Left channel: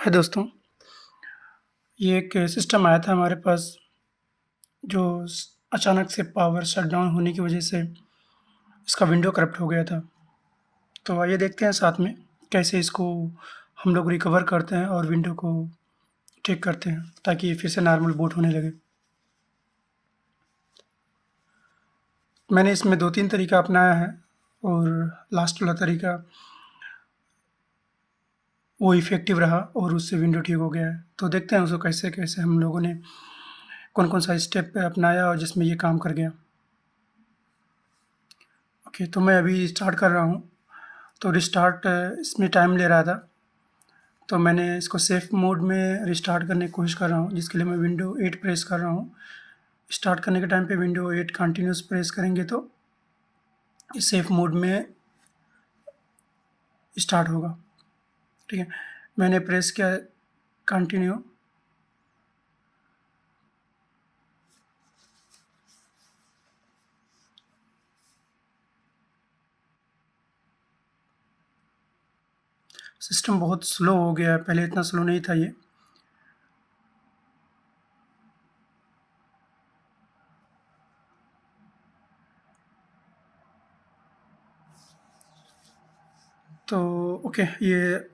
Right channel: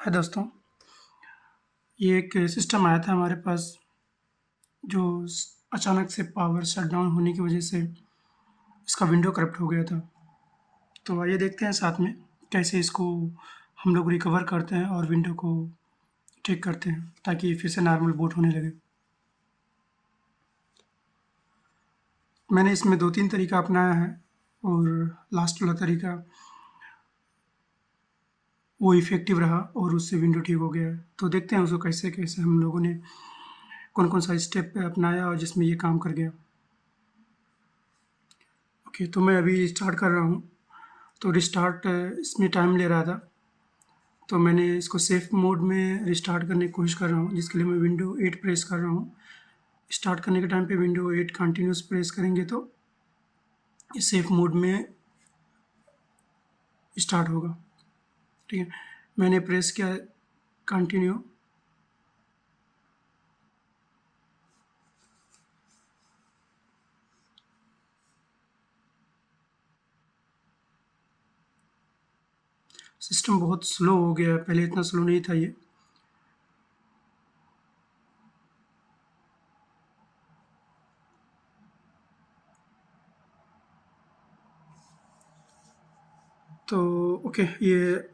हाय दोस्तों, ये एक सिस्टम आया था हमारे पास जो अचानक से पावर शटडाउन होने की वजह से इसका विंडो करप्ट हो गया था। तो आइए देखते हैं साथ में कैसे इसको हम लोग रिकवर करते हैं और विंडो को ठीक करते हैं ताकि ये फिर से नॉर्मल बूट होने लगे। मैंने इसमें 2-3 तरीका अपनाया है और लास्ट वाला तरीका वो इफ़ेक्टिव रहा और उससे विंडो ठीक हो गया है। तो देखते हैं उसको कैसे-कैसे हम लोगों ने कौन-कौन सा स्टेप अपनाया और जिसमें ये काम कर गया। ओके, तो मैं अभी स्टार्ट कर रहा हूँ। तो रिस्टार्ट इसमें टाइम ले रहा था, तो मैंने इसको सेफ मोड में रिस्टार्ट करने की कोशिश कर रहा हूँ, जिसके लिए मैं विंडो 8 प्रेस कर रहा हूँ। स्टार्ट करने के टाइम पे विंडो 8 कंटिन्यूस प्रेस करेंगे तो ये सेफ मोड में स्टार्ट होगा। ठीक है, मैंने प्रेस किया कंटिन्यू। सिस्टम बहुत स्लो हो गया है, पहले इतना स्लो नहीं था ये। तो ओके, ये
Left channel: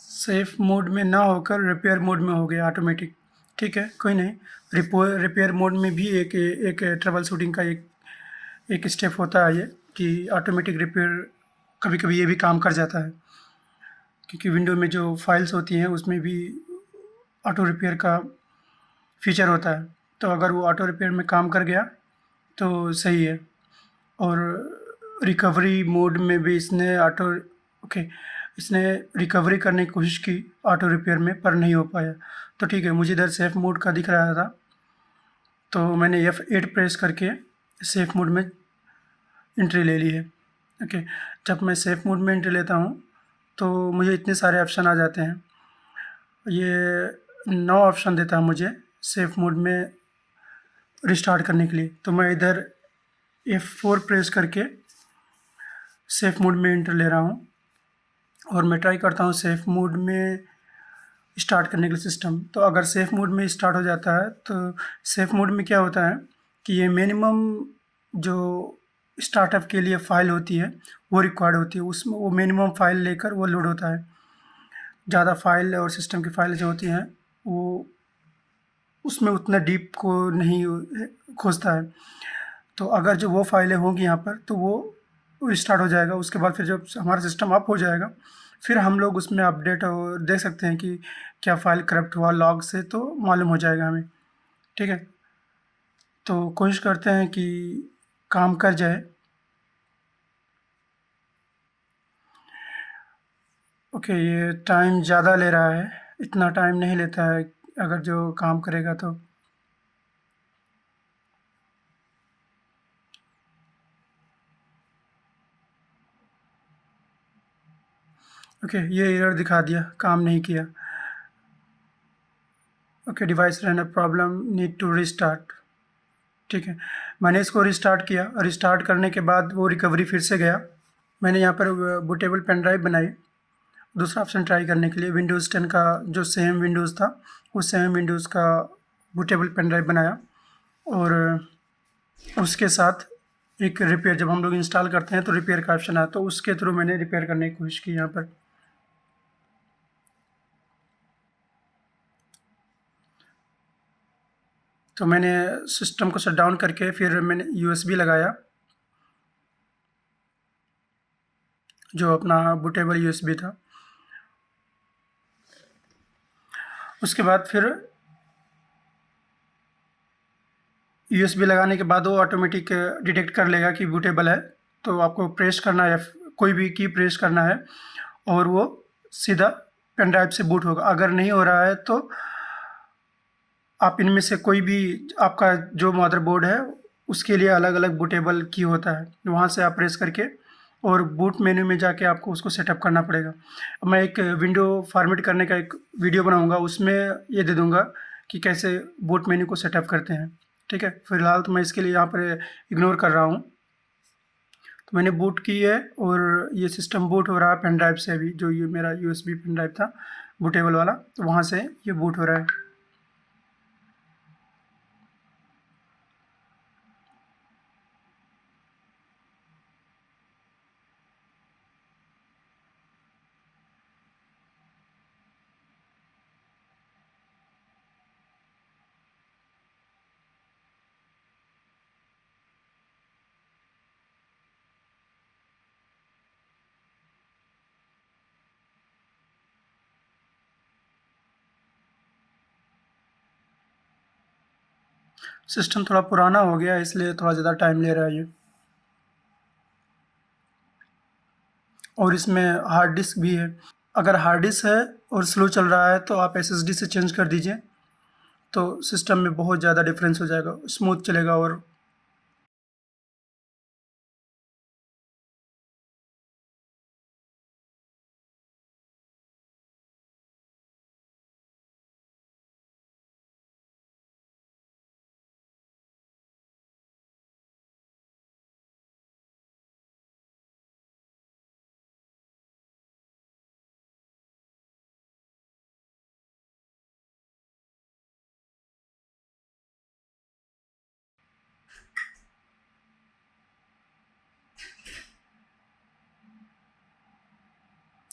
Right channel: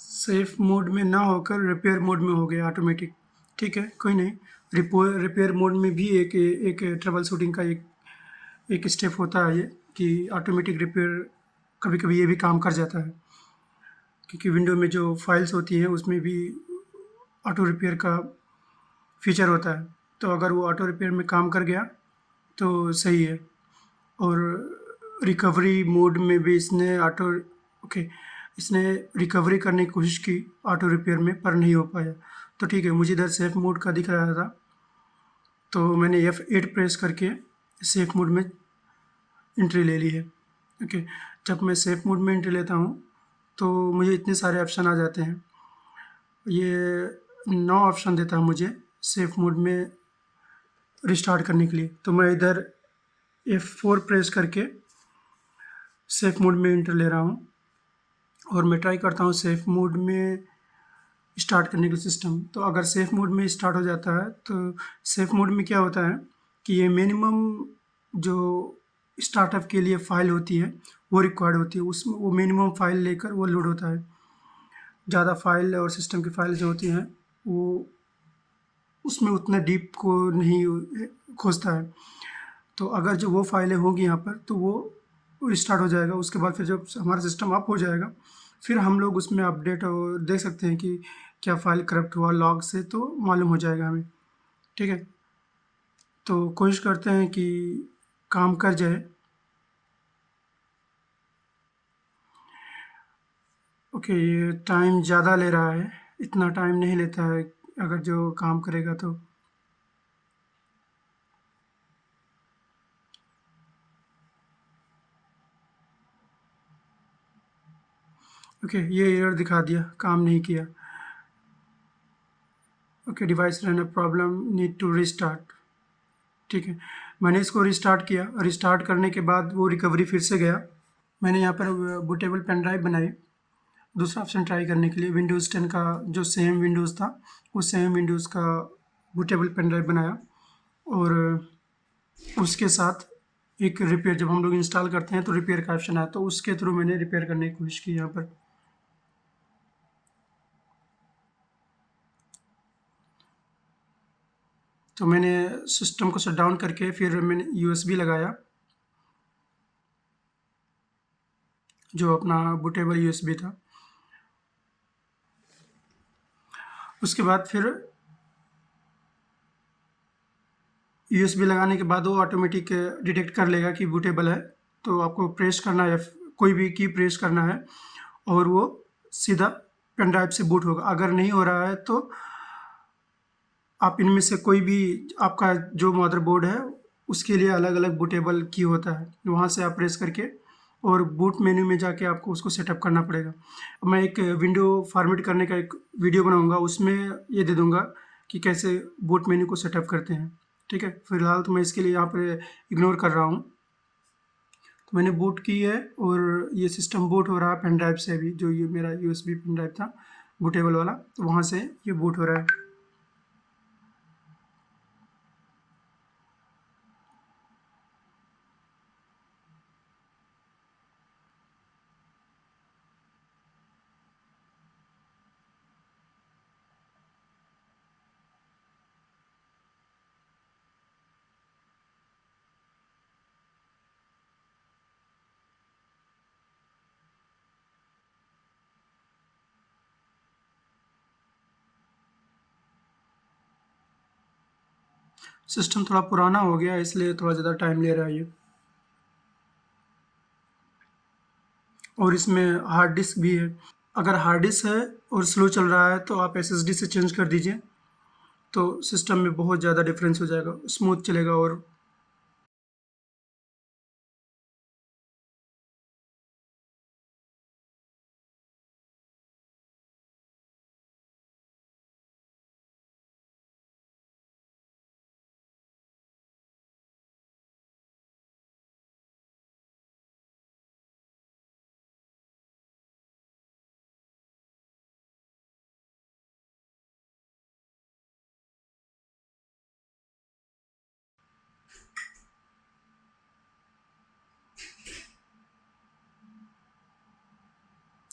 सेफ मोड में ना होकर रिपेयर मोड में हो गया ऑटोमेटिक। ठीक है, कोई नहीं। रिपेयर मोड में भी एक एक ट्रबल शूटिंग का एक स्टेप होता है ये कि ऑटोमेटिक रिपेयर कभी-कभी ये भी काम कर जाता है, क्योंकि विंडो में जो फाइल्स होती हैं उसमें भी ऑटो रिपेयर का फीचर होता है। तो अगर वो ऑटो रिपेयर में काम कर गया तो सही है। और रिकवरी मोड में भी इसने रिकवरी करने की कोशिश की ऑटो रिपेयर में, पर नहीं हो पाया। तो ठीक है, मुझे इधर सेफ मोड का दिख रहा था, तो मैंने F8 प्रेस करके सेफ मोड में एंट्री ले ली है। ओके, जब मैं सेफ मोड में एंट्री लेता हूँ तो मुझे इतने सारे ऑप्शन आ जाते हैं। ये 9 ऑप्शन देता है मुझे सेफ मोड में रिस्टार्ट करने के लिए। तो मैं इधर F4 प्रेस करके सेफ मोड में एंट्री ले रहा हूँ और मैं ट्राई करता हूँ सेफ मोड में स्टार्ट करने के लिए सिस्टम। तो अगर सेफ मोड में स्टार्ट हो जाता है तो सेफ मोड में क्या होता है कि ये मिनिमम जो स्टार्टअप के लिए फ़ाइल होती है वो रिक्वायर्ड होती है, उसमें वो मिनिमम फ़ाइल लेकर वो लोड होता है। ज़्यादा फ़ाइल और सिस्टम की फ़ाइल जो होती हैं वो उसमें उतना डीप को नहीं खोजता है। तो अगर जो वो फाइलें होंगी यहाँ पर तो वो स्टार्ट हो जाएगा। उसके बाद फिर जब हमारा सिस्टम अप हो जाएगा फिर हम लोग उसमें अपडेट और देख सकते हैं कि क्या फ़ाइल करप्ट हुआ लॉग से, तो मालूम हो जाएगा हमें। ठीक है, तो कोशिश करते हैं कि काम कर जाए। ओके, ये टाइम ज़्यादा ले रहा है, इतना टाइम नहीं लेता है अगर जो काम करेगा तो। ओके, ये एरर दिखा दिया, काम नहीं किया। Okay, device run a problem, need to restart. ठीक है, मैंने इसको रिस्टार्ट किया। रिस्टार्ट करने के बाद वो रिकवरी फिर से गया। मैंने यहाँ पर बूटेबल पेन ड्राइव बनाई दूसरा ऑप्शन ट्राई करने के लिए। विंडोज़ 10 का जो सेम विंडोज़ था उस सेम विंडोज़ का बूटेबल पेन ड्राइव बनाया और उसके साथ एक रिपेयर, जब हम लोग इंस्टॉल करते हैं तो रिपेयर का ऑप्शन आया, तो उसके थ्रू मैंने रिपेयर करने की कोशिश की यहाँ पर। तो मैंने सिस्टम को शट डाउन करके फिर मैंने यूएसबी लगाया, जो अपना बूटेबल यूएसबी था। उसके बाद फिर यूएसबी लगाने के बाद वो ऑटोमेटिक डिटेक्ट कर लेगा कि बूटेबल है, तो आपको प्रेस करना है, कोई भी की प्रेस करना है और वो सीधा पेन ड्राइव से बूट होगा। अगर नहीं हो रहा है तो आप इनमें से कोई भी, आपका जो मदरबोर्ड है उसके लिए अलग अलग बूटेबल की होता है, वहाँ से आप प्रेस करके और बूट मेन्यू में जाके आपको उसको सेटअप करना पड़ेगा। मैं एक विंडो फॉर्मेट करने का एक वीडियो बनाऊंगा, उसमें ये दे दूंगा कि कैसे बूट मेन्यू को सेटअप करते हैं। ठीक है, फिलहाल तो मैं इसके लिए यहाँ पर इग्नोर कर रहा हूँ। तो मैंने बूट की है और ये सिस्टम बूट हो रहा है पेन ड्राइव से। अभी जो ये मेरा यूएसबी पेन ड्राइव था बूटेबल वाला, तो वहाँ से ये बूट हो रहा है। सिस्टम थोड़ा पुराना हो गया इसलिए थोड़ा ज़्यादा टाइम ले रहा है ये। और इसमें हार्ड डिस्क भी है। अगर हार्ड डिस्क है और स्लो चल रहा है तो आप एसएसडी से चेंज कर दीजिए, तो सिस्टम में बहुत ज़्यादा डिफरेंस हो जाएगा, स्मूथ चलेगा। और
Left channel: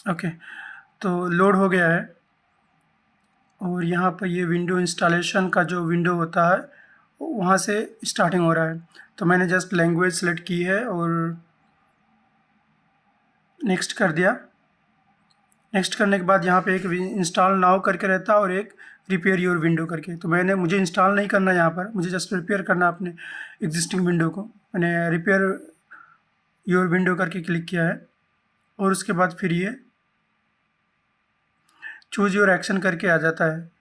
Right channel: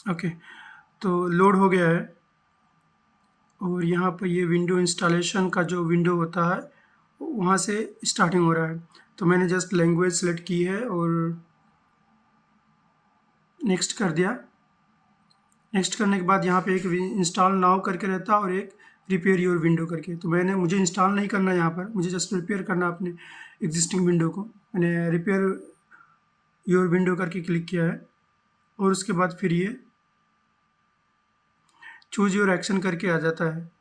ओके, तो लोड हो गया है। और यहाँ पर ये विंडो इंस्टॉलेशन का जो विंडो होता है वहाँ से स्टार्टिंग हो रहा है। तो मैंने जस्ट लैंग्वेज सेलेक्ट की है और नेक्स्ट कर दिया। नेक्स्ट करने के बाद यहाँ पे एक इंस्टॉल नाउ करके रहता है और एक रिपेयर योर विंडो करके। तो मुझे इंस्टॉल नहीं करना है यहाँ पर, मुझे जस्ट रिपेयर करना है अपने एग्जिस्टिंग विंडो को। मैंने रिपेयर योर विंडो करके क्लिक किया है और उसके बाद फिर ये चूज़ योर एक्शन करके आ जाता है।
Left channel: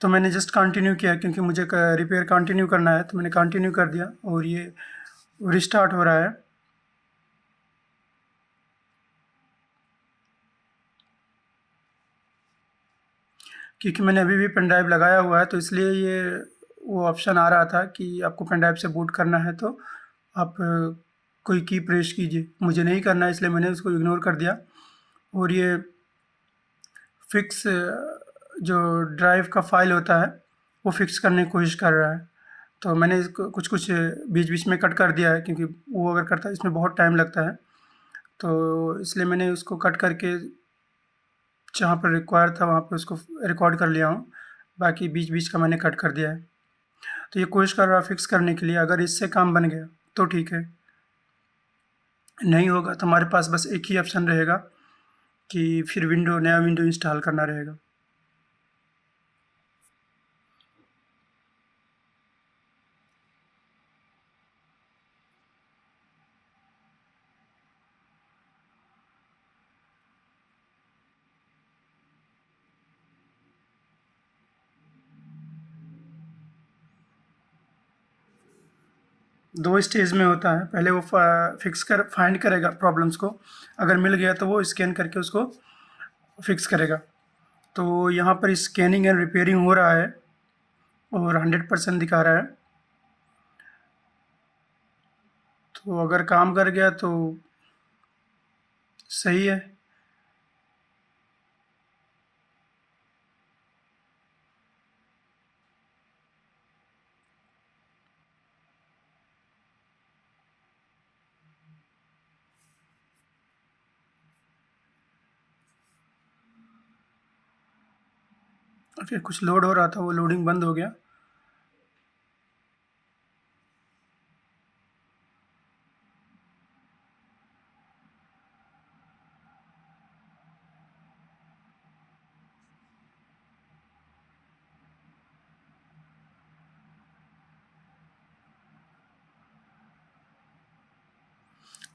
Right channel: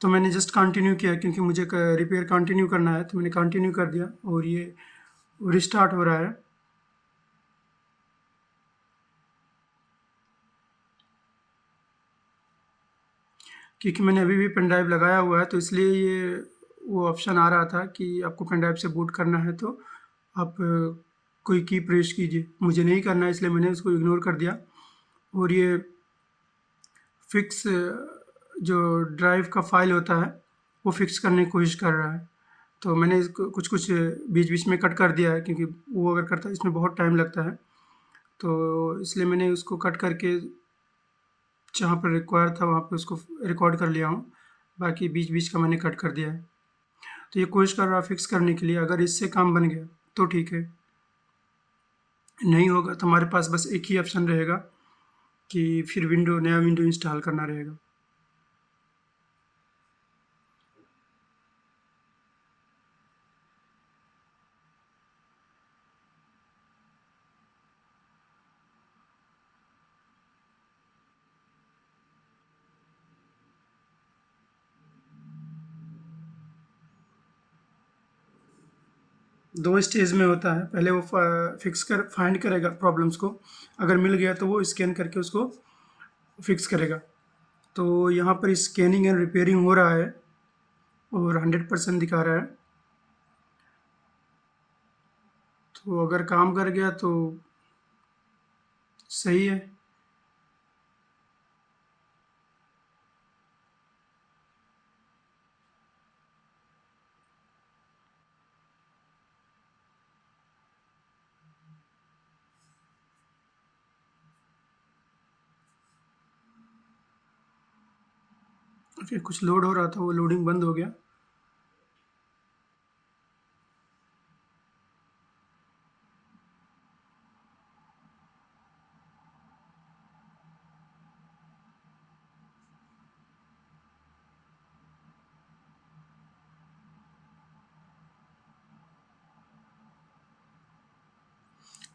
तो मैंने जस्ट कंटिन्यू किया क्योंकि मुझे रिपेयर कंटिन्यू करना है, तो मैंने कंटिन्यू कर दिया और ये रिस्टार्ट हो रहा है। क्योंकि मैंने अभी भी पेन ड्राइव लगाया हुआ है तो इसलिए ये वो ऑप्शन आ रहा था कि आपको पेन ड्राइव से बूट करना है तो आप कोई की प्रेस कीजिए। मुझे नहीं करना है इसलिए मैंने इसको इग्नोर कर दिया। और ये फिक्स जो ड्राइव का फाइल होता है वो फिक्स करने की कोशिश कर रहा है। तो मैंने इसको कुछ कुछ बीच बीच में कट कर दिया है क्योंकि वो अगर करता है इसमें बहुत टाइम लगता है, तो इसलिए मैंने उसको कट करके जहाँ पर रिक्वायर था वहाँ पे उसको रिकॉर्ड कर लिया हूँ। बाकी बीच बीच का मैंने कट कर दिया है। तो ये कोशिश कर रहा है फिक्स करने के लिए। अगर इससे काम बन गया तो ठीक है, नहीं होगा तो हमारे पास बस एक ही ऑप्शन रहेगा कि फिर नया विंडो इंस्टॉल करना रहेगा। 2 स्टेज में होता है। पहले वो फाइंड करेगा प्रॉब्लम्स को, अगर मिल गया तो वो स्कैन करके उसको फिक्स करेगा। तो यहाँ पर स्कैनिंग एंड रिपेयरिंग हो रहा है और 100% दिखा रहा है। तो अगर काम कर गया तो सही है। ओके, कुछ लोड हो रहा था, वो लोडिंग बंद हो गया।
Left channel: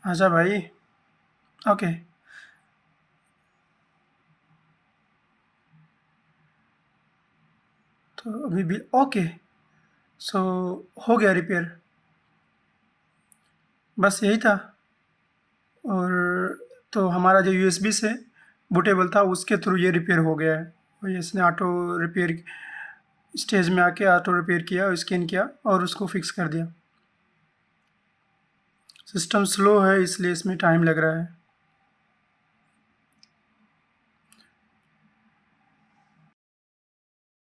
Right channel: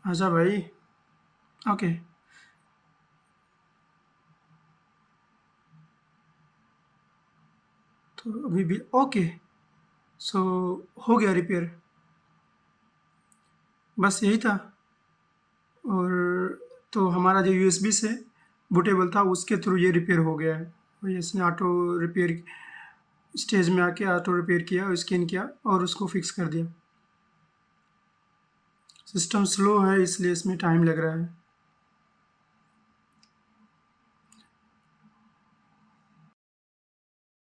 आजा भाई। ओके, तो अभी भी ओके। सो हो गया रिपेयर, बस यही था। और तो हमारा जो यूएसबी से बूटेबल था उसके थ्रू ये रिपेयर हो गया है। और इसने ऑटो रिपेयर स्टेज में आके ऑटो रिपेयर किया, स्कैन किया और उसको फिक्स कर दिया। सिस्टम स्लो है इसलिए इसमें टाइम लग रहा है।